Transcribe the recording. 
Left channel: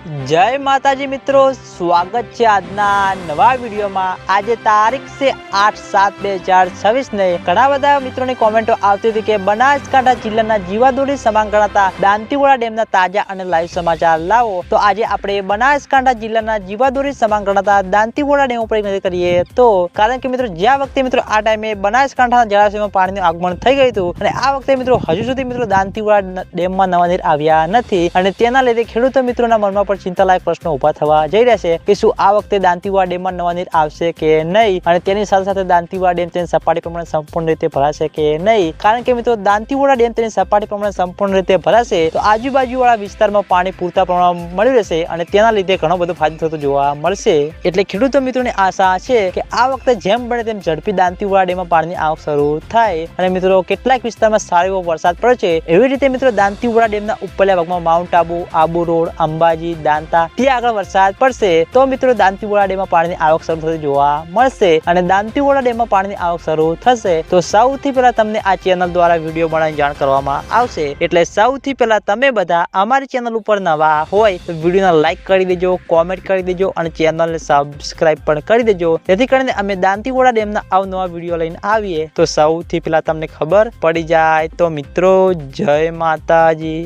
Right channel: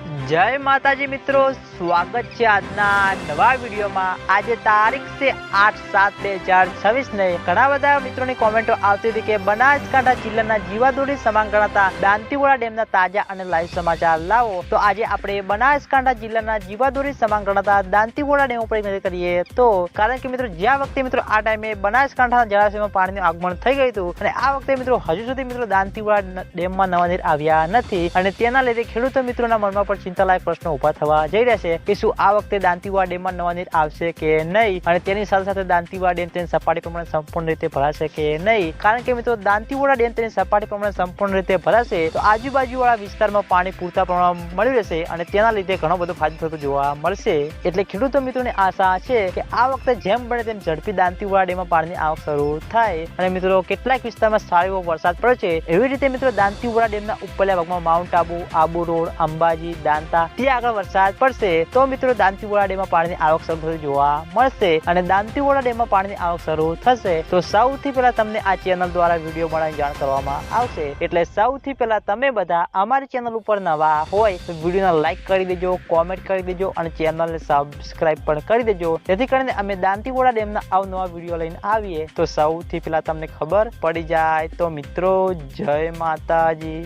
जय माताजी मित्रों, स्वागत है आजना नवा वीडियो में। आज तारीख से 8/7/2026 ने घણા બધા મિત્રોની કોમેન્ટો આવતી હતી કે બનાસકાંઠા જિલ્લાના જીવાદોરી સમાન ગણાતા દાંતીવાડા ડેમના તાજા અને લાઈવ સમાચાર લાવો। તો આજે આપણે બનાસકાંઠા જિલ્લાના જીવાદોરી સમાન ગણાતા દાંતીવાડા ડેમ ઉપર નજર કરીએ તો કારણ કે મિત્રો જ્યાં વખતે મિત્રો આ ટાઈમે બનાસકાંઠાના જળાશયમાં પાણીનું આગમન થઈ ગયું હતું અને આ વખતે મિત્રો હજુ સુધી મિત્રો દાંતીવાડા ડેમમાં નવા નીર આવ્યા નથી અને તેના લીધે ખેડૂતો મિત્રોના મનમાં પર ચિંતાલાયક પ્રશ્નો ઉભા થવા જઈ રહ્યા છે કે શું આ વખતે દાંતીવાડા ડેમમાં નવા નીર આવશે કે નહીં અને તેની સાથે સાથે દાંતીવાડા ડેમ તેની સપાટી પ્રમાણે સંપૂર્ણ રીતે ભરાશે કે નહીં। કારણ કે મિત્રો દાંતીવાડા ડેમ તેની સપાટી પ્રમાણે સંપૂર્ણ રીતે ભરાશે તો આજુબાજુવાળા વિસ્તારમાં પાણી પૂરતા પ્રમાણમાં મળી રહેશે અને તેના લીધે ઘણો બધો ફાયદો થતો જોવા મળશે। એટલે ખેડૂતો મિત્રોની આશા છે કે આ વખતે જેમ બને તેમ ઝડપી દાંતીવાડા ડેમમાં પાણીની આવક શરૂ થાય અને મિત્રો કેટલાક વિસ્તારમાં સારો એવો વરસાદ પડશે। એવી રીતે મિત્રો દાંતીવાડા ડેમના ઉપરલા ભાગમાં માઉન્ટ આબુ રોડ, અંબાજી, દાંતા ત્યાં આગળ વરસાદ પડશે તો મિત્રો દાંતીવાડા ડેમમાં પાણીની આવક શરૂ થતી જોવા મળશે અને દાંતીવાડા ડેમમાં પાણીની આવક શરૂ થશે તો સૌથી પહેલા તમને આ ચેનલ દ્વારા વિડીયો બનાવીને જાણ કરવામાં આવશે। એટલે સૌથી પહેલા તમે બધા અમારી ચેનલ ઉપર નવા હોય તો વિડીયોને લાઈક કરી દેજો, કોમેન્ટ કરી દેજો અને ચેનલને સબસ્ક્રાઇબ પણ કરી દેજો જેથી કરીને અમે દાંતીવાડા ડેમના અવનવા વિડીયો લઈને આવીએ તો સૌથી પહેલા તમને ખબર પડી જાય। તો મિત્રો જય માતાજી।